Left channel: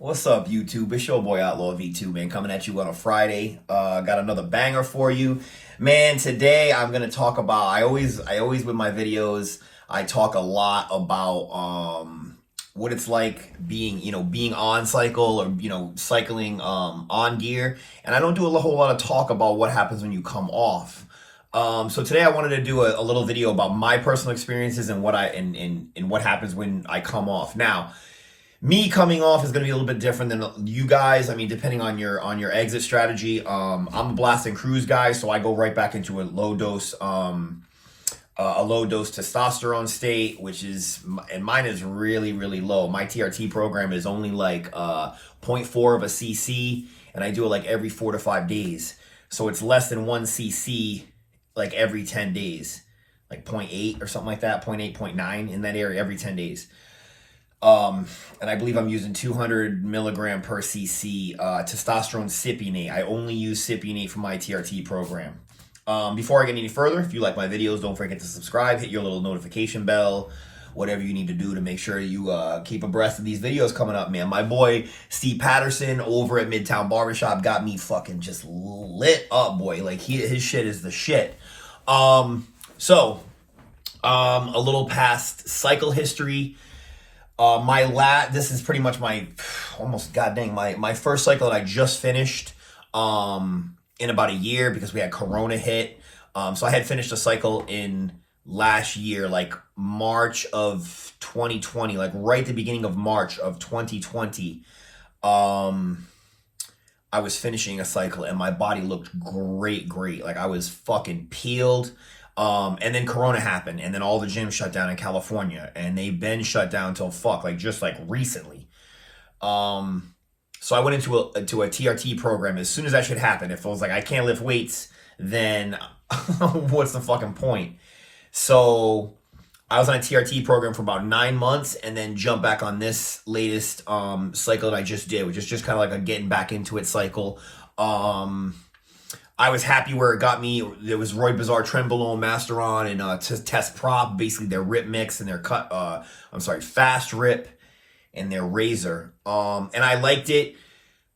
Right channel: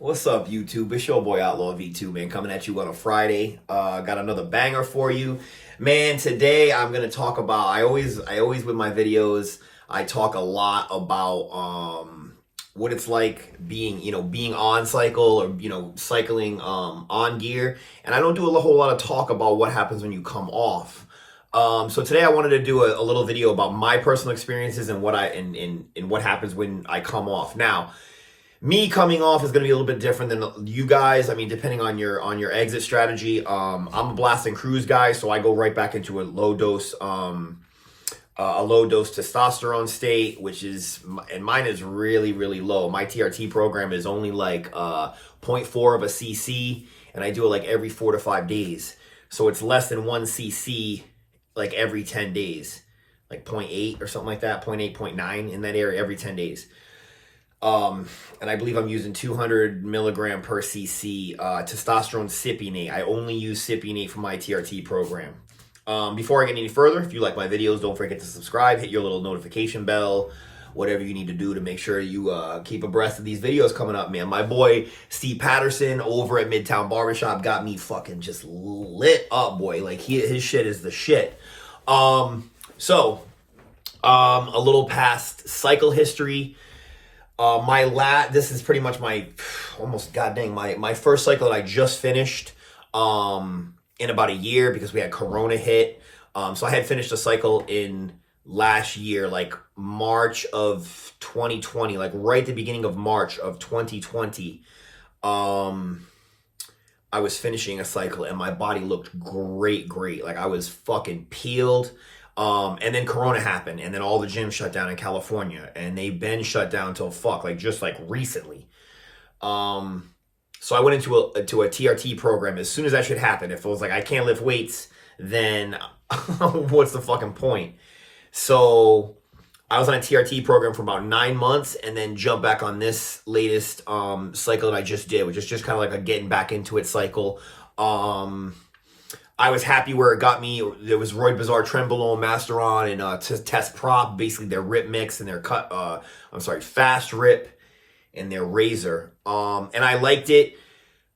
What's up, YouTube? It's your boy Outlaw V2, man, coming at you on a Friday. Got another banger for you, man. Today I'm gonna talk about. I always with my videos, I talk a lot about what it's like being on cycle or cycling on gear, and I don't do a whole lot of talk about what happens when you come off. So today I wanted to do a little video about my personal experiences and what happens when I come off. Now, me coming off is going to be a little bit different than you guys. I mean, depending on your exit strategy. I'm a blast and cruise guy, so I go right back into a low dose testosterone state, and mine is really, really low. My TRT program is only like zero point 0.4 of a cc, and I do it like every 4 to 5 days. So it's less than 1 cc like every 10 days, like 0.8 or something like that, 0.8, 0.9 in that area every 10 days. And I believe I'm using 200 milligram per cc testosterone cypionate. I only use cypionate for my TRT program. Before I get any further, if you like my videos, don't forget to subscribe, hit your little notification bell, whatever you need to do to make sure you keep abreast of these videos coming up, man. My boy Steve Patterson over at Midtown Barbershop got me fucking just lit up, boy. Like his shit is the shit. A little past cycle history. This is pretty much my my first cycle that I just finished in about a year because we had Corona hit. So I had finished a cycle in last year, like March of 2020, like right at the beginning of March of 2020. I was finishing a cycle and my body looked great. Like I was fucking peeled. And then Corona happened, and then all the gyms shut down in California, and they've been shut down till just recently. So I went into a TRT program. As soon as that shit happened, if it was like I can't lift weights, then what's the fucking point? So I was on a TRT program for about 9 months, and then jumped back on this latest cycle that I just did, which is just kind of like a getting back into it cycle. I was happy where it got me. There was Roy Bazaar Trenbolone, Masteron, and Test Prop, basically their rip mix and their fast rip and their razor. And I liked it.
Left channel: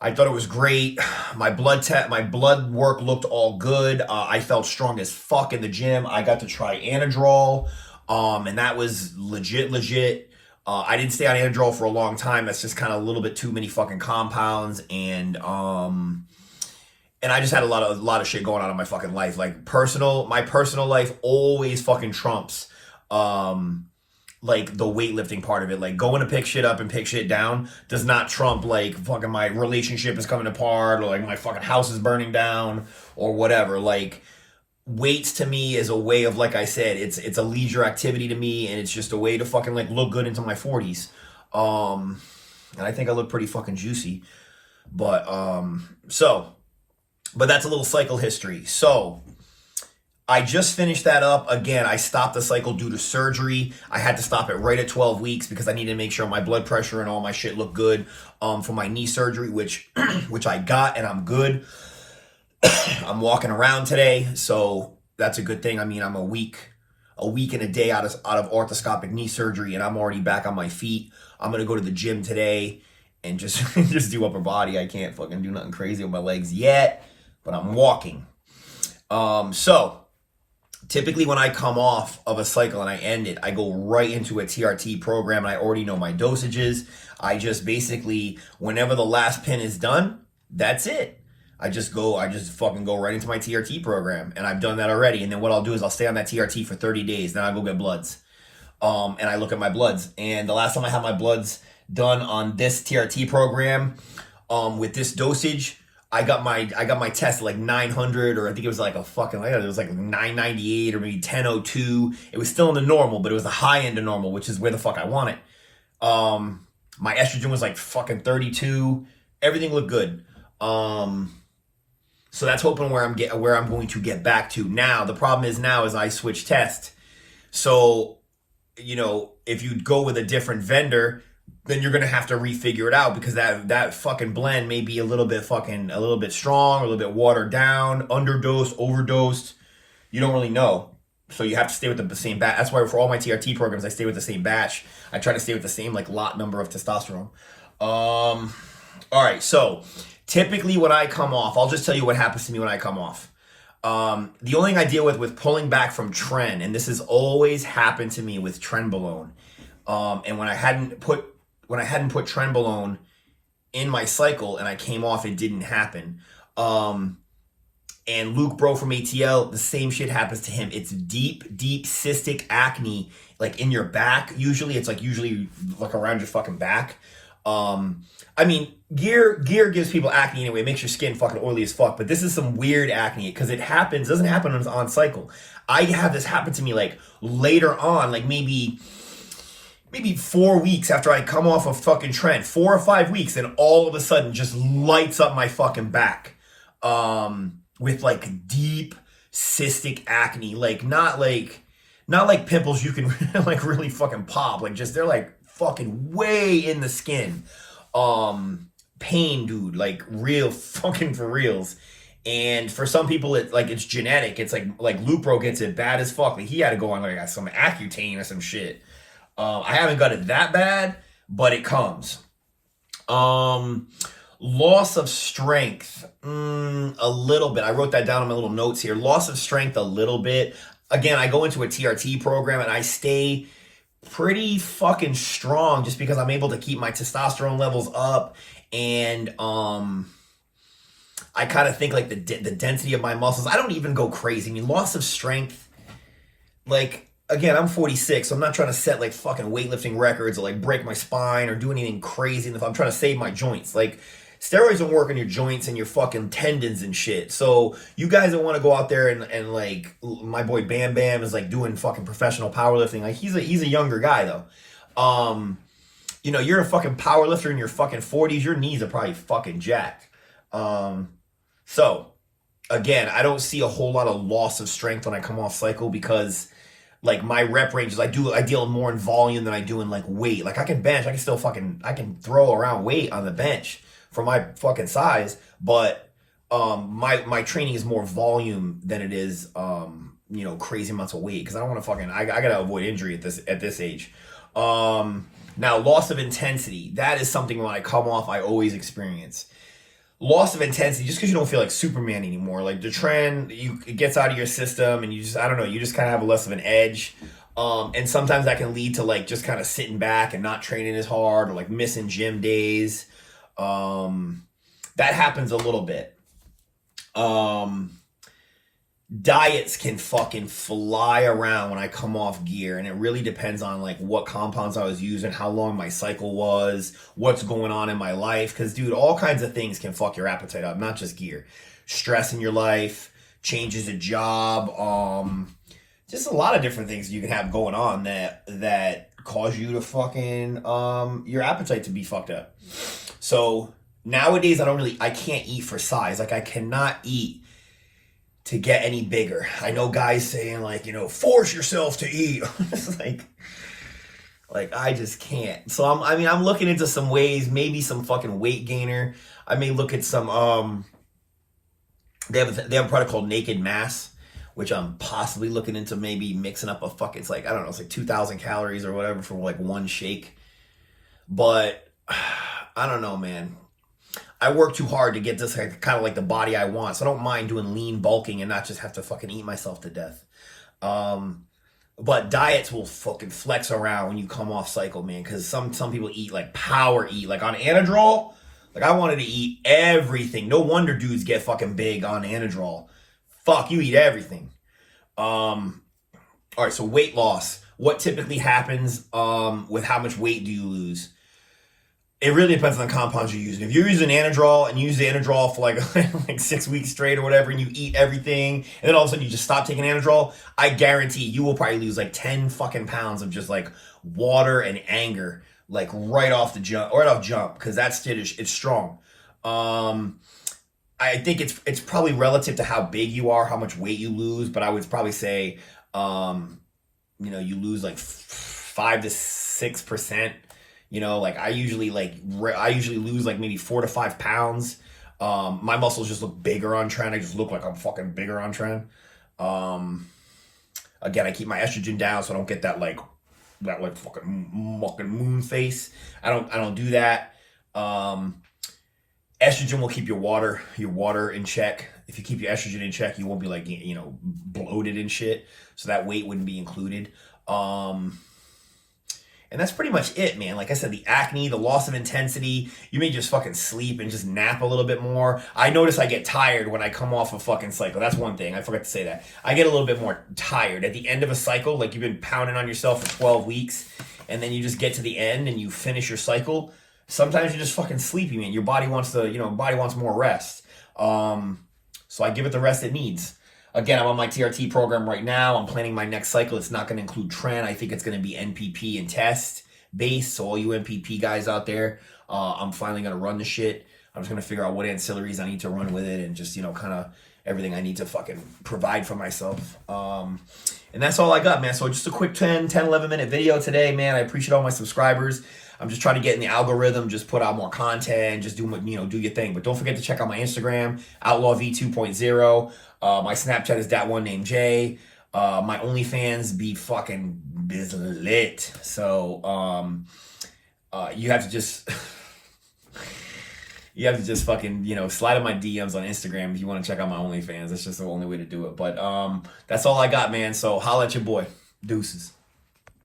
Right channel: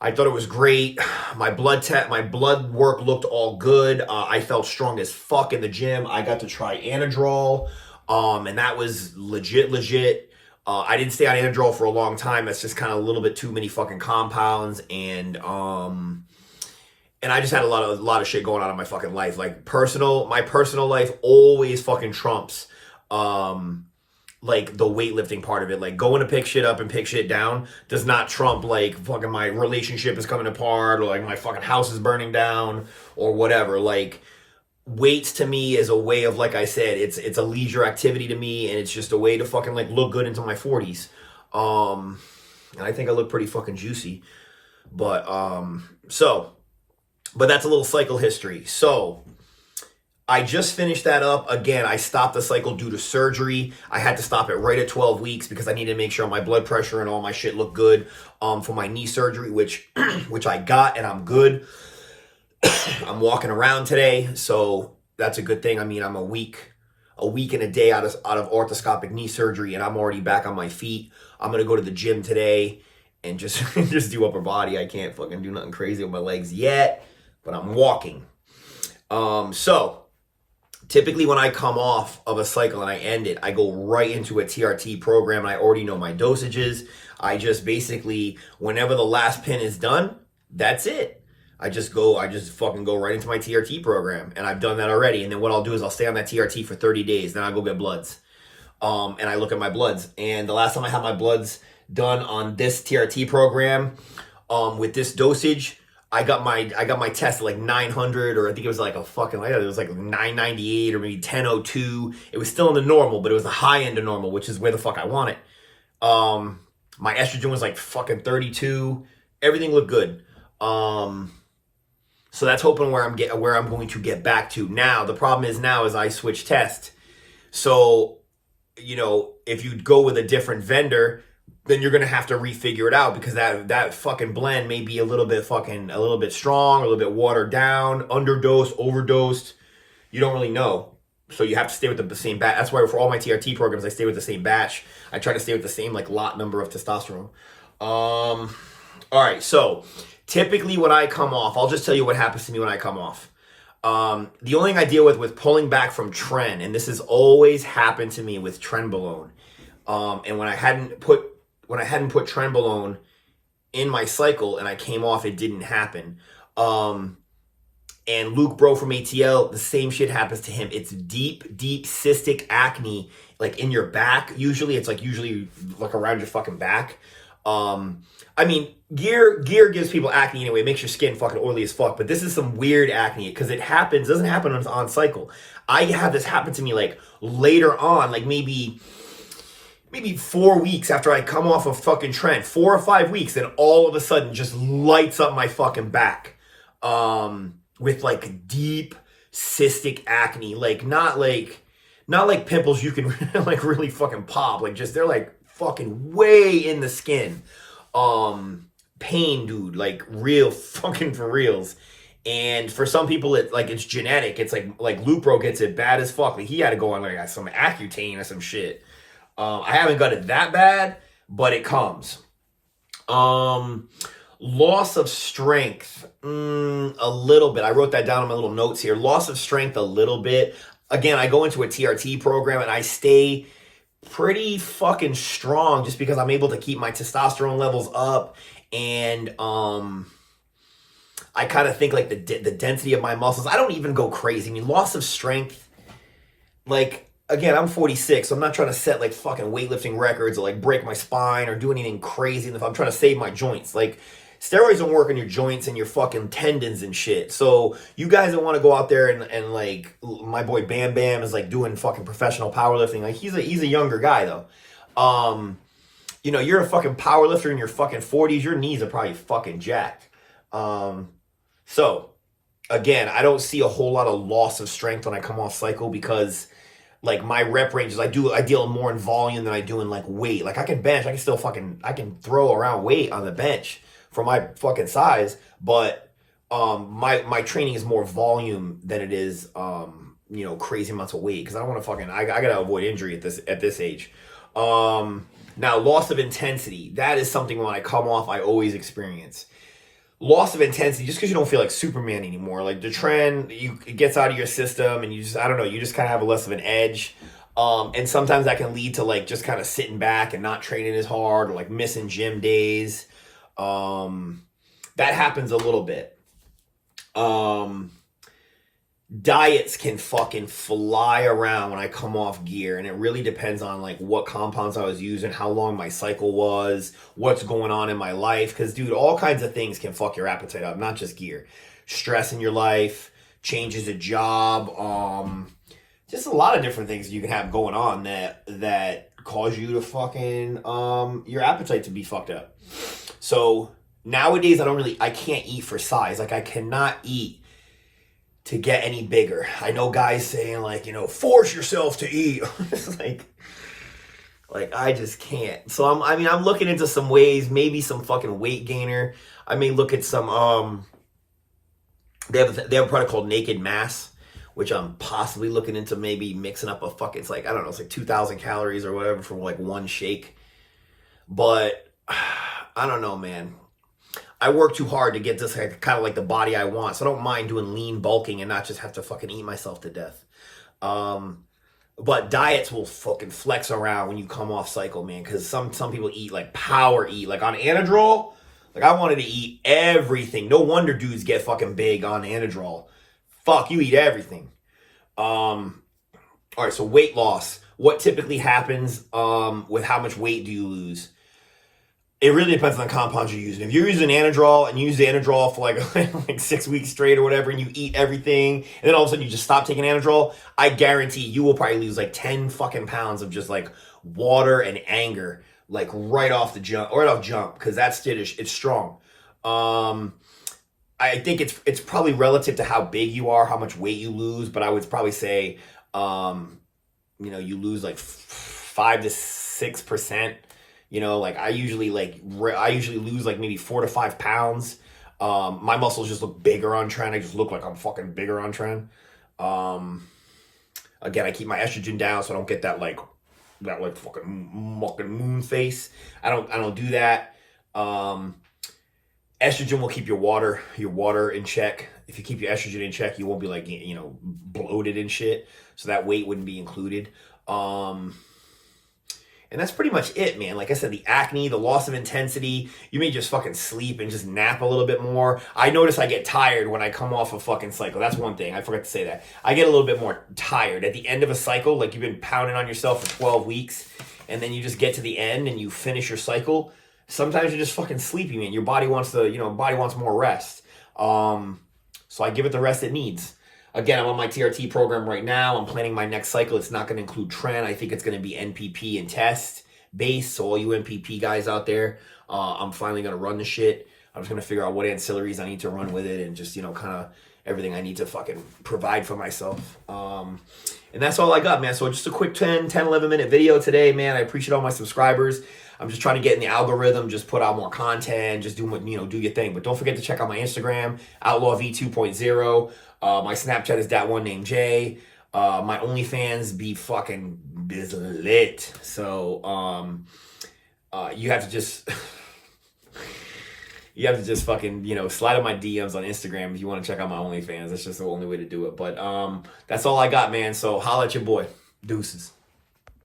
I thought it was great. My blood work looked all good. I felt strong as fuck in the gym. I got to try Anadrol, and that was legit. I didn't stay on Anadrol for a long time. That's just kind of a little bit too many fucking compounds, and I just had a lot of shit going on in my fucking life. Like my personal life always fucking trumps like the weightlifting part of it. Like going to pick shit up and pick shit down does not trump like fucking my relationship is coming apart or like my fucking house is burning down or whatever. Like weights to me is a way of, like I said, it's a leisure activity to me, and it's just a way to fucking like look good into my 40s. And I think I look pretty fucking juicy. But that's a little cycle history. So I just finished that up. Again, I stopped the cycle due to surgery. I had to stop it right at 12 weeks because I needed to make sure my blood pressure and all my shit looked good for my knee surgery, which I got, and I'm good. I'm walking around today, so that's a good thing. I mean, I'm a week and a day out of orthoscopic knee surgery, and I'm already back on my feet. I'm going to go to the gym today and just do upper body. I can't fucking do nothing crazy with my legs yet, but I'm walking. So typically when I come off of a cycle and I end it, I go right into a TRT program, and I already know my dosages. I just basically, whenever the last pin is done, that's it. I just fucking go right into my TRT program, and I've done that already. And then what I'll do is I'll stay on that TRT for 30 days. Then I'll go get bloods. And I look at my bloods, and the last time I had my bloods done on this TRT program, with this dosage, I got my test at like 900, or I think it was like it was like 998 or maybe 1002. It was still in the normal, but it was the high end of normal, which is where the fuck I want it. My estrogen was like fucking 32. Everything looked good. So that's hoping where I'm going to get back to. Now the problem is I switch tests. So, if you go with a different vendor, then you're gonna have to refigure it out, because that fucking blend may be a little bit strong, a little bit watered down, underdosed, overdosed. You don't really know. So you have to stay with the same batch. That's why for all my TRT programs, I stay with the same batch. I try to stay with the same like lot number of testosterone. All right, so typically when I come off, I'll just tell you what happens to me when I come off. The only thing I deal with pulling back from tren, and this has always happened to me with trenbolone. And when I hadn't put trenbolone in my cycle and I came off, it didn't happen. And Luke Bro from ATL, the same shit happens to him. It's deep cystic acne, like in your back. Usually like around your fucking back. I mean, gear gives people acne anyway. It makes your skin fucking oily as fuck. But this is some weird acne because doesn't happen on cycle. I have this happen to me like later on, like maybe 4 weeks after I come off of fucking tren, 4 or 5 weeks, and all of a sudden just lights up my fucking back. With like deep cystic acne, like not like pimples you can like really fucking pop, like just they're like fucking way in the skin. Pain, dude, like real fucking for reals. And for some people it's genetic. It's like Lupro gets it bad as fuck. Like he had to go on like some Accutane or some shit. I haven't got it that bad, but it comes. Loss of strength, a little bit. I wrote that down in my little notes here. Loss of strength, a little bit. Again, I go into a TRT program and I stay pretty fucking strong just because I'm able to keep my testosterone levels up. And I kind of think like the density of my muscles, I don't even go crazy. I mean, loss of strength, like, again, I'm 46, so I'm not trying to set like fucking weightlifting records or like break my spine or do anything crazy. And if I'm trying to save my joints, like steroids don't work on your joints and your fucking tendons and shit. So you guys that want to go out there and like my boy Bam Bam is like doing fucking professional powerlifting. Like he's a younger guy though. You know, you're a fucking powerlifter in your fucking 40s. Your knees are probably fucking jacked. So again, I don't see a whole lot of loss of strength when I come off cycle because like my rep ranges, I deal more in volume than I do in like weight. Like I can bench, I can throw around weight on the bench for my fucking size, but my training is more volume than it is you know, crazy amounts of weight because I don't want to fucking I gotta avoid injury at this age. Now loss of intensity, that is something when I come off I always experience. Loss of intensity, just because you don't feel like Superman anymore. Like the trend, it gets out of your system and you just, I don't know, you just kind of have a less of an edge. And sometimes that can lead to like just kind of sitting back and not training as hard or like missing gym days. That happens a little bit. Diets can fucking fly around when I come off gear, and it really depends on like what compounds I was using, how long my cycle was, what's going on in my life. Because dude, all kinds of things can fuck your appetite up, not just gear. Stress in your life, changes of job, just a lot of different things you can have going on that cause you to fucking your appetite to be fucked up. So nowadays I can't eat for size. Like I cannot eat to get any bigger. I know guys saying like, you know, force yourself to eat. It's like I just can't. So I'm looking into some ways, maybe some fucking weight gainer. I may look at some they have a product called Naked Mass, which I'm possibly looking into maybe mixing up a fucking, it's like, I don't know, it's like 2,000 calories or whatever for like one shake. But I don't know, man. I work too hard to get this kind of like the body I want. So I don't mind doing lean bulking and not just have to fucking eat myself to death. But diets will fucking flex around when you come off cycle, man. Because some people eat like power eat. Like on Anadrol, like I wanted to eat everything. No wonder dudes get fucking big on Anadrol. Fuck, you eat everything. All right, so weight loss. What typically happens with how much weight do you lose? It really depends on the compounds you're using. If you're using Anadrol and you use the Anadrol for like 6 weeks straight or whatever, and you eat everything, and then all of a sudden you just stop taking Anadrol, I guarantee you will probably lose like 10 fucking pounds of just like water and anger, like right off jump, because that shit it's strong. I think it's probably relative to how big you are, how much weight you lose, but I would probably say, you know, you lose like 5 to 6%. You know, like I usually lose like maybe 4 to 5 pounds. My muscles just look bigger on tren. I just look like I'm fucking bigger on tren. Again, I keep my estrogen down so I don't get that fucking moon face. I don't do that. Estrogen will keep your water in check. If you keep your estrogen in check, you won't be like, bloated and shit. So that weight wouldn't be included. And that's pretty much it, man. Like I said, the acne, the loss of intensity, you may just fucking sleep and just nap a little bit more. I notice I get tired when I come off a fucking cycle. That's one thing. I forgot to say that. I get a little bit more tired at the end of a cycle. Like you've been pounding on yourself for 12 weeks and then you just get to the end and you finish your cycle. Sometimes you're just fucking sleepy, man. Your body wants body wants more rest. So I give it the rest it needs. Again, I'm on my TRT program right now. I'm planning my next cycle. It's not going to include tren. I think it's going to be NPP and test based. So all you NPP guys out there, I'm finally going to run the shit. I'm just going to figure out what ancillaries I need to run with it and just, kind of everything I need to fucking provide for myself. And that's all I got, man. So just a quick 11 minute video today, man. I appreciate all my subscribers. I'm just trying to get in the algorithm, just put out more content, just do your thing. But don't forget to check out my Instagram, Outlaw V 2.0. My Snapchat is that one named Jay. My OnlyFans be fucking lit. So you have to just fucking slide in my DMs on Instagram if you want to check out my OnlyFans. That's just the only way to do it. But that's all I got, man. So holla at your boy. Deuces.